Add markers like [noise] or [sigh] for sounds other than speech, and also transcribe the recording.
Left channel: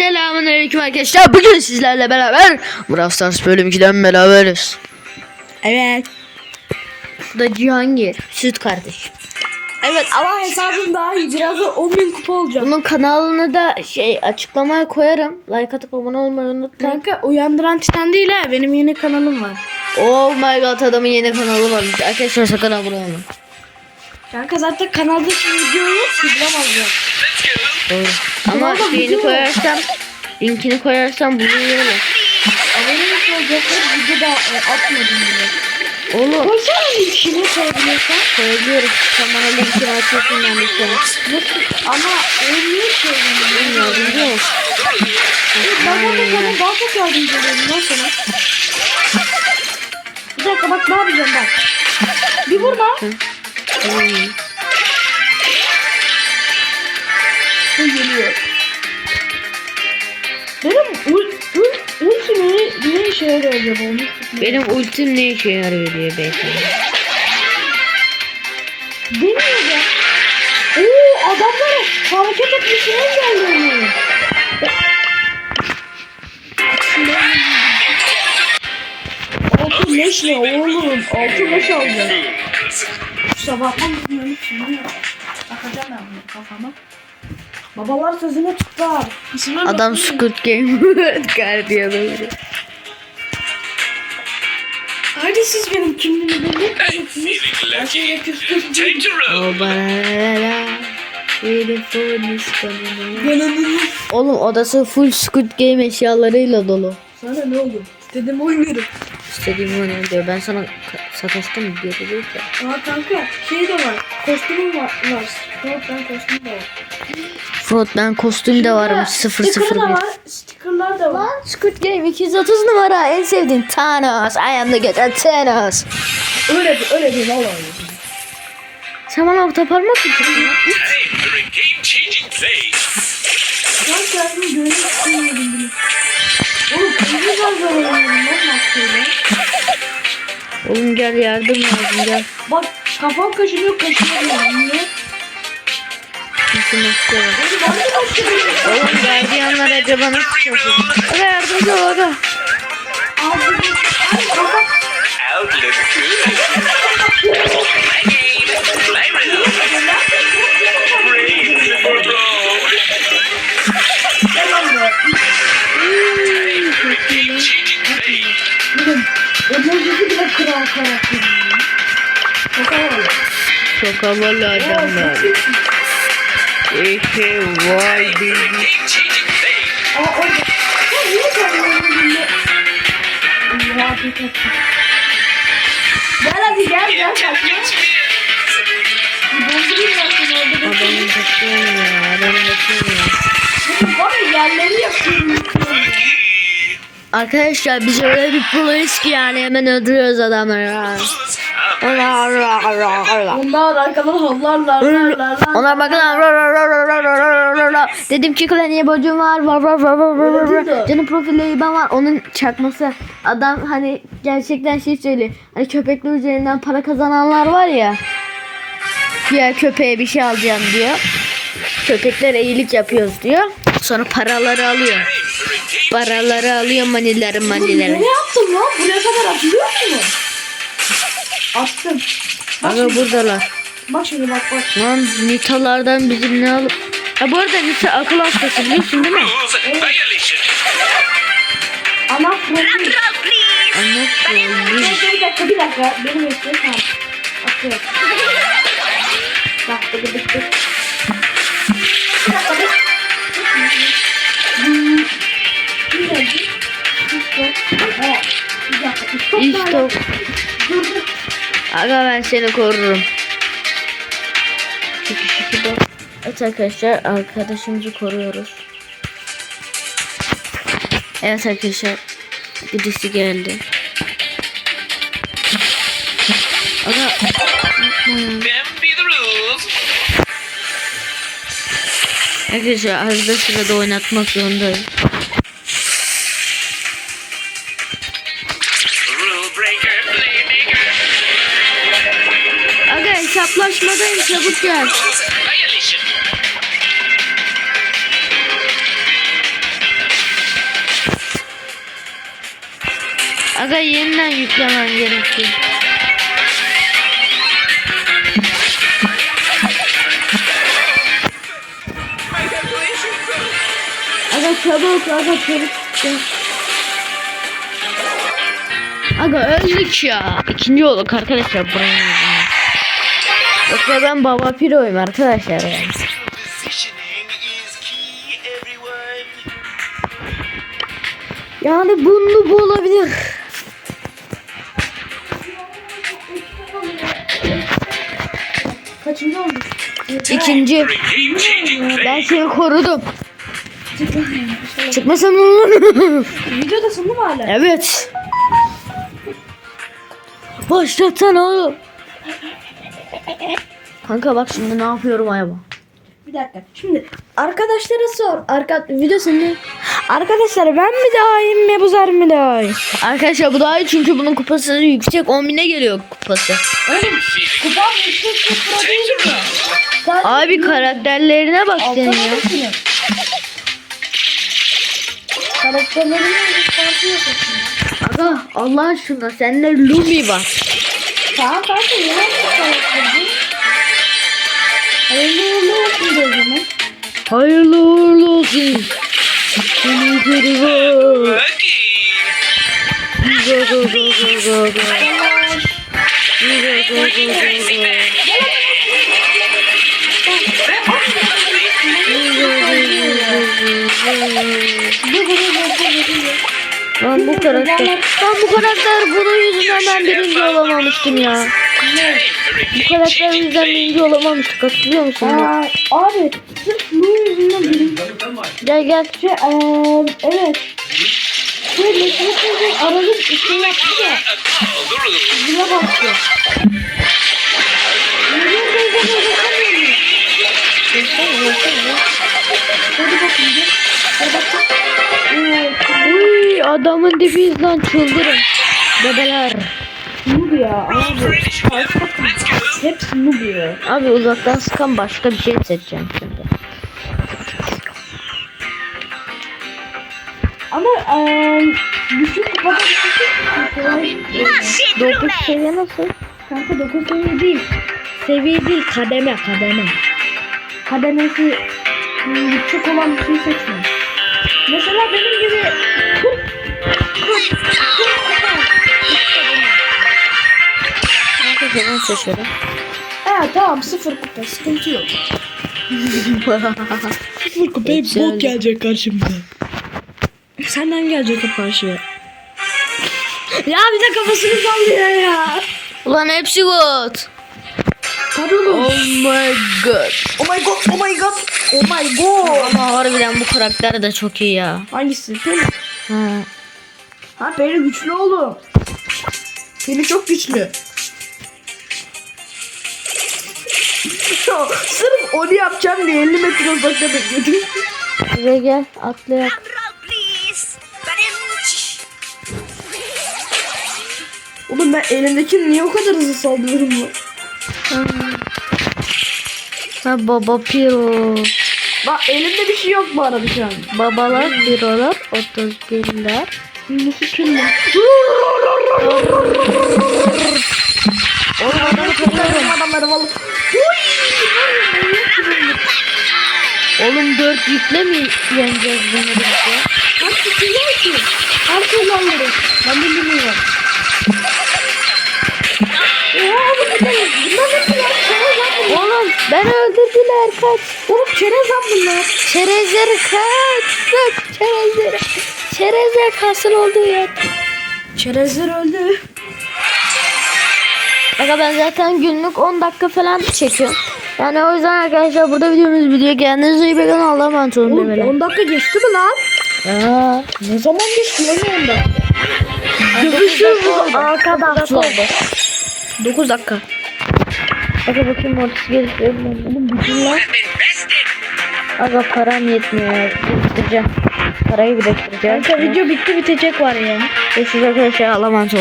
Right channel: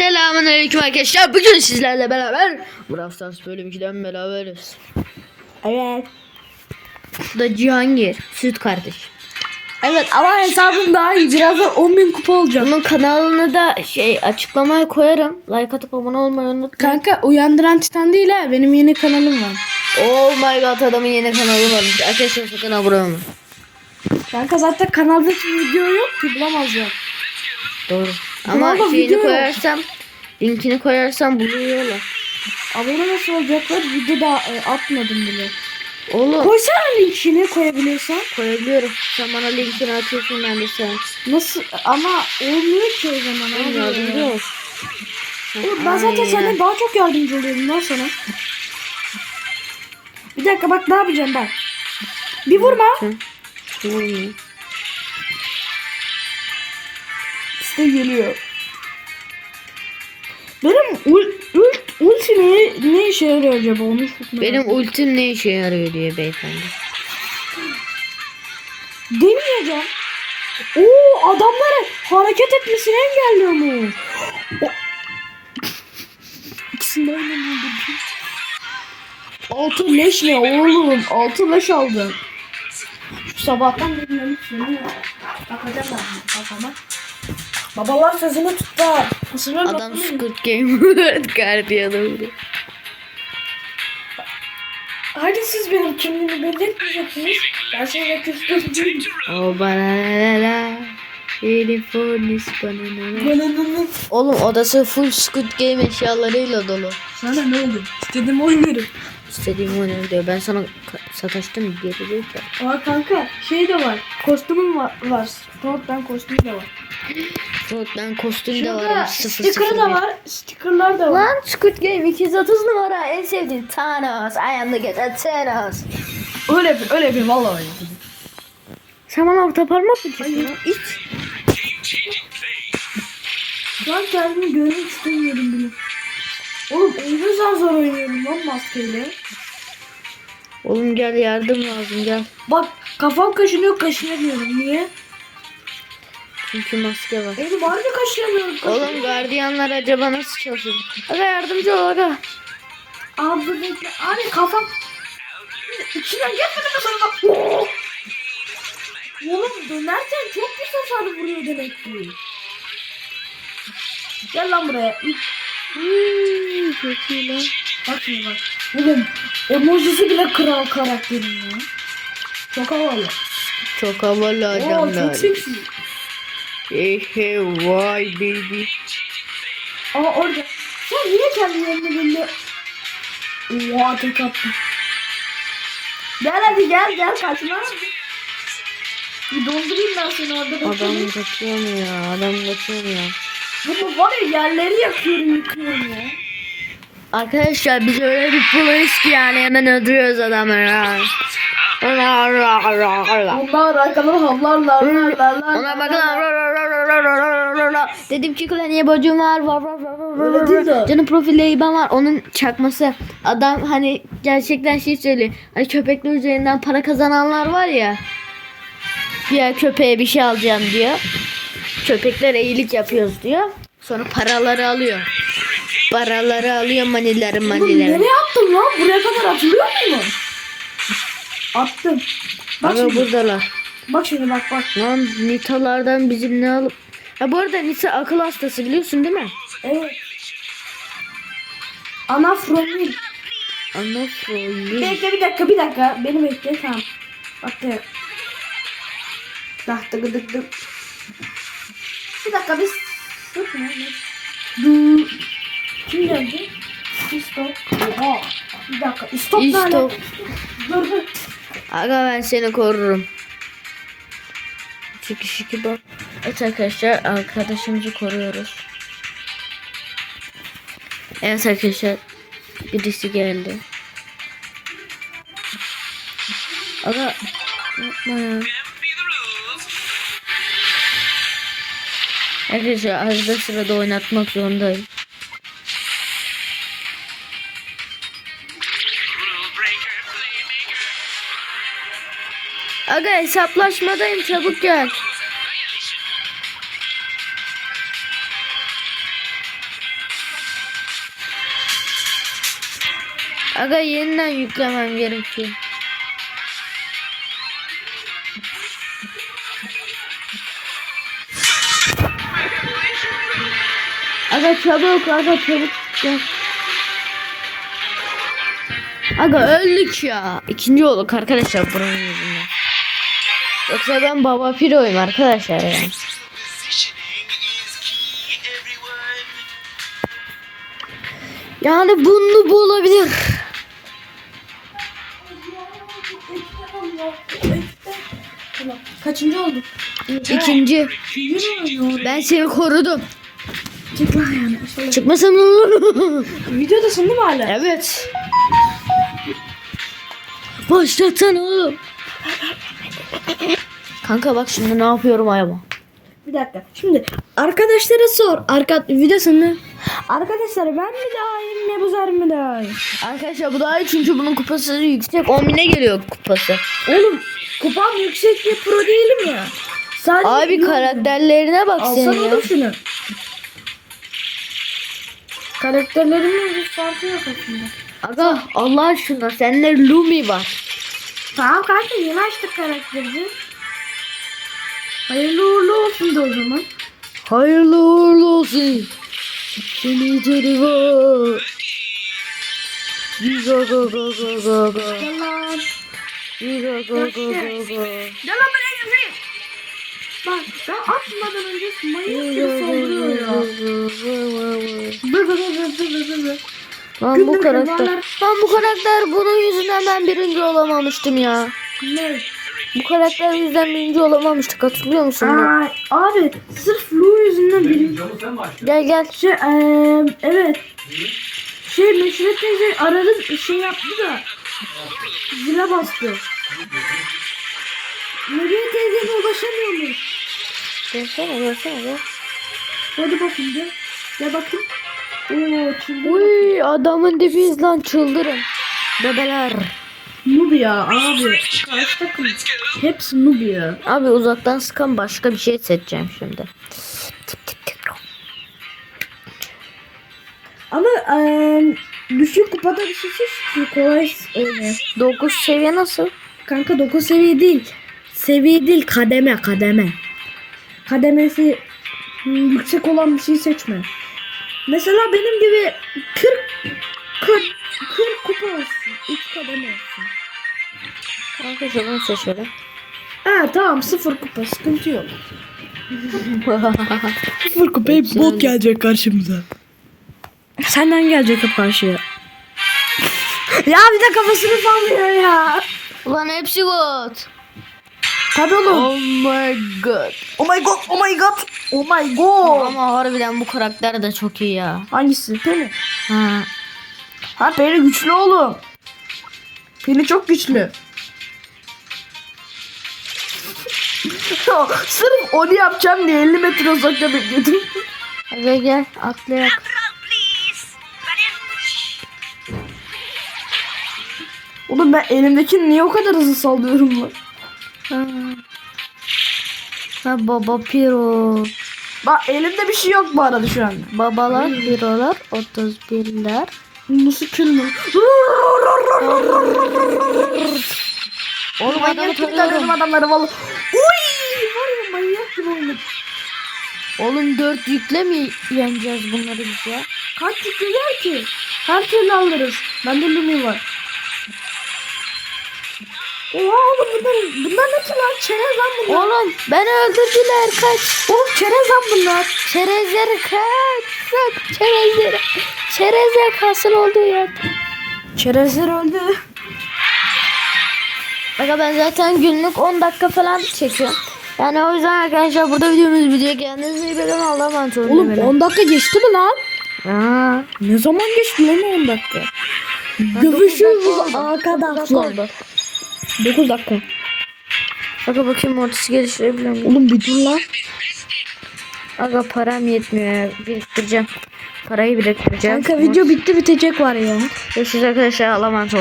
Selamünaleyküm arkadaşlar. Bugün sizlerle beraber Brawl Stars bölüm 2'den beraberiz. Evet. Bu da Cihangir, süt kardeş. Evet ama hesabım daha iyi. Birazdan 10.000 kupa olacağım. Bunun kanalını da şey açıklamaya koyarım. Like atıp abone olmayı unutmayın. Kanka uyandıran titan değil ha. Benim yeni kanalım var. Oh my god adamın yeni kanalı varmış. Arkadaşlar sakın abone olmayın. Kanka zaten kanalda video yok ki bulamazlar. Doğru. Ama Doğru, şeyini biliyorum. koyarsam, linkini koyarsam buluyorlar. Abone nasıl olacaklar? Video da e, atmadım bile. Oğlum Koysana linkini koyabiliyorsan. koyabiliyorum. Sen bana linkini atıyorsun ben de an. Nasıl? Ama olmuyor ki o zaman. Yardımcı ol. Ben zaten sana daha çok yardımcı oluyorum lan sana. Bir dakika bak ne yapacağım bak. Bir vurma. Tamam. İşte geliyor. Benim ul, ul, ulti ne, ne işe yarıyor acaba Benim ultim ne işe yarıyor diye beyefendi. Demiyorum. Oo adamları hareket etmesini engelliyor. Altın leş ne oğlum? Altın leş aldı. Sabahtan bilmiyorum şimdi. Bakacağım ben kafama. Babalar sözünü tutar. İsimler Adam. Squid Game [laughs] gardiyanı. Hadi siz benim kimliğimi belirtmeyeceksiniz. Ben. O barara. Telefon iskanını. Oğlum odası full Squid Game eşyalarıyla dolu. Sana ne oldu? İstediğimi oynarım. İstediğim oynuyorum diyor. Ben sana sataştım mı? Geri değil ki. Aa kanka şey de var. Kostümüm var. var. Fortnite kostümü de var. Fortnite kostüm de varmış Sticker da 001. var. Stickerlar da var. Lan Squid Game 230 numara en sevdiğim Thanos. I am the god Thanos. Öyle bir öyle bir valla öyle. Sen bana orta parmak mı çektin lan? Ben kendimi görmek istemiyorum bile. Oğlum ne zor zor oynuyorum lan maskeyle. Oğlum gel yardım lazım gel. Bak kafam kaşınıyor kaşınamıyorum. Niye? Kimse maske var. Oğlum gardiyanlar acaba nasıl çalışıyor? Hadi yardımcı ol hadi. Çok iyi lan. Oğlum, emojisi bile kral karakteri. Çok havalı. Çok havalı adamlar. Ehe vay baby. Ama orada... Ya niye kendini böyle... Oha tek attım. Gel hadi gel gel kaçma. Dondurayım ben seni orada. Adam kaçıyor mu ya? Adam kaçıyor mu ya? Var ya yerleri yapıyorum yıkıyorum ya. Arkadaşlar biz öyle bir polis ki yani hemen öldürüyoruz adamları. Onlar Bunlar arkadan havlarlar. Bakın. Dedim ki niye bacım var. var, var, var, var, var, var. Canım profili ben var. Onun çakması. Adam hani gerçekten şey söylüyor. Hani köpekler üzerinden para kazananlar var ya. Ya köpeğe bir şey alacağım diyor. Köpeklere iyilik yapıyoruz diyor. Sonra paraları alıyor. Paraları alıyor manileri manileri. Ne yaptın lan? Buraya kadar Attım. Bak Aga şimdi, buradalar bak şimdi bak bak. Lan Nita'lardan bizim ne alıp... Ha bu arada Nita akıl hastası biliyorsun değil mi? Ana fırın. Anlasın. Bir dakika bir dakika bir dakika. Beni bekle tamam. Atıyor. Bak dık dık dık. Bir dakika bir. Hmm. Kim geldi? Stop. Oha. Bir dakika. Nerede? İstok. Dur dur. Aga ben seni korurum. Çünkü şiki bak. Evet arkadaşlar arkadaşımızı koruyoruz. Evet arkadaşlar. Birisi geldi. Aga. Arkadaşlar arada sırada oynatmak zorundayım. Hesaplaşmadayım çabuk gel. Aga yeniden yüklemem gerekiyor. Aga çabuk, aga çabuk. Aga öldük ya. İkinci olduk arkadaşlar buranın yüzünden. Yoksa ben baba piroyum arkadaşlar yani. Yani bunu bu olabilir. Kaçıncı olduk? İkinci. Ben seni korudum. Çık lan yani. Şöyle. Çıkmasam ne olur? [laughs] Videodasın değil mi hala? evet. Başlatsana oğlum. Kanka bak şimdi ne yapıyorum ayaba. Bir dakika. Şimdi arkadaşlara sor. Arka videosunu. Arkadaşlar ben mi daha iyiyim Mebuzar mı daha iyi? Arkadaşlar bu daha iyi çünkü bunun kupası yüksek 10 bine geliyor kupası. Oğlum kupam yüksek bir pro değil mi? Sadece Abi karakterlerine bak senin ya. şunu. Karakterlerini göstermiyorsun şimdi. Aga Allah aşkına sende Lumi var. Tamam kanka ya şu karakterini. Hayırlı uğurlu olsun de o zaman. Hayırlı uğurlu olsun. Seni geri var. Go go go go go go. Go go go go go. Ben bu karakter, ben bu karakter bunun yüzünden ben birinci olamamıştım ya. Bu karakter yüzünden birinci olamamıştık hatırlıyor musun? Aa, abi sırf Lu yüzünden benim. Gel gel. Şey, eee, evet. Şey, Mesut teyze aradım şey yaptı da. Zile bastı. Mesut teyze ulaşamıyor mu? Gelsene gelsene. Hadi bakayım Uy adamın dibiyiz lan çıldırın. Bebeler. noob ya abi. Karşı takım. Hepsi noob ya. Abi uzaktan sıkan başka bir şey seçeceğim şimdi. Ama eee düşük kupada bir şey. Kolay oynuyor. 9 seviye nasıl? Kanka 9 seviye değil. Seviye değil kademe kademe. Kademesi yüksek olan bir şey seçme. Mesela benim gibi 40 40 40 kupa. Kanka ben seçerim. Ha tamam sıfır kupa sıkıntı yok. [laughs] Sıfır kupa Hepsi öyle. gelecek karşımda. Senden gelecek o karşıya. ya bir de kafasını sallıyor ya. Ulan hepsi good. Tabii oğlum. Oh my god. Oh my god, oh my god, oh my god. Ama harbiden bu karakter de çok iyi ya. Hangisi? Peli. Ha. Ha Peli güçlü oğlum. Peli çok güçlü. [laughs] Sırf onu yapacağım diye 50 metre uzakta bekledim. Ve gel atlayak. Oğlum ben elimdekini niye o kadar hızlı sallıyorum ya? Ha. baba piro. Bak elimde bir şey yok bu arada şu an. Babalar pirolar 31'ler. Nasıl kim lan? Oğlum adamı tanıyorum. Adamları vallahi. Oğlum 4 yükle mi yeneceğiz bunları biz ya? Kaç var ki? Kaç kişi alırız? Ben de bilmiyorum. Oğlum beni öldürdüler kaç. Oğlum çerez lan bunlar. Çerezleri kaç. Kaç çerezleri. Çerezler kasın olduğu yer. Çerezler öldü. Aga ben zaten günlük 10 dakika falan çekiyorum. Yani o yüzden arkadaşlar burada videomuz bitiyor. Kendinize iyi bakın. Allah'a emanet olun. Oğlum demeler. 10 dakika geçti mi lan? Aa, Ne zaman geçti lan 10 dakika? Görüşürüz arkadaşlar. 9 dakika. Aga bakayım ortası geliştirebiliyor muyum? Oğlum bir dur lan. Aga param yetmiyor. ya. Biriktireceğim. Parayı biriktireceğim. Kanka video bitti bitecek var ya. Görüşürüz arkadaşlar. Allah'a emanet olun.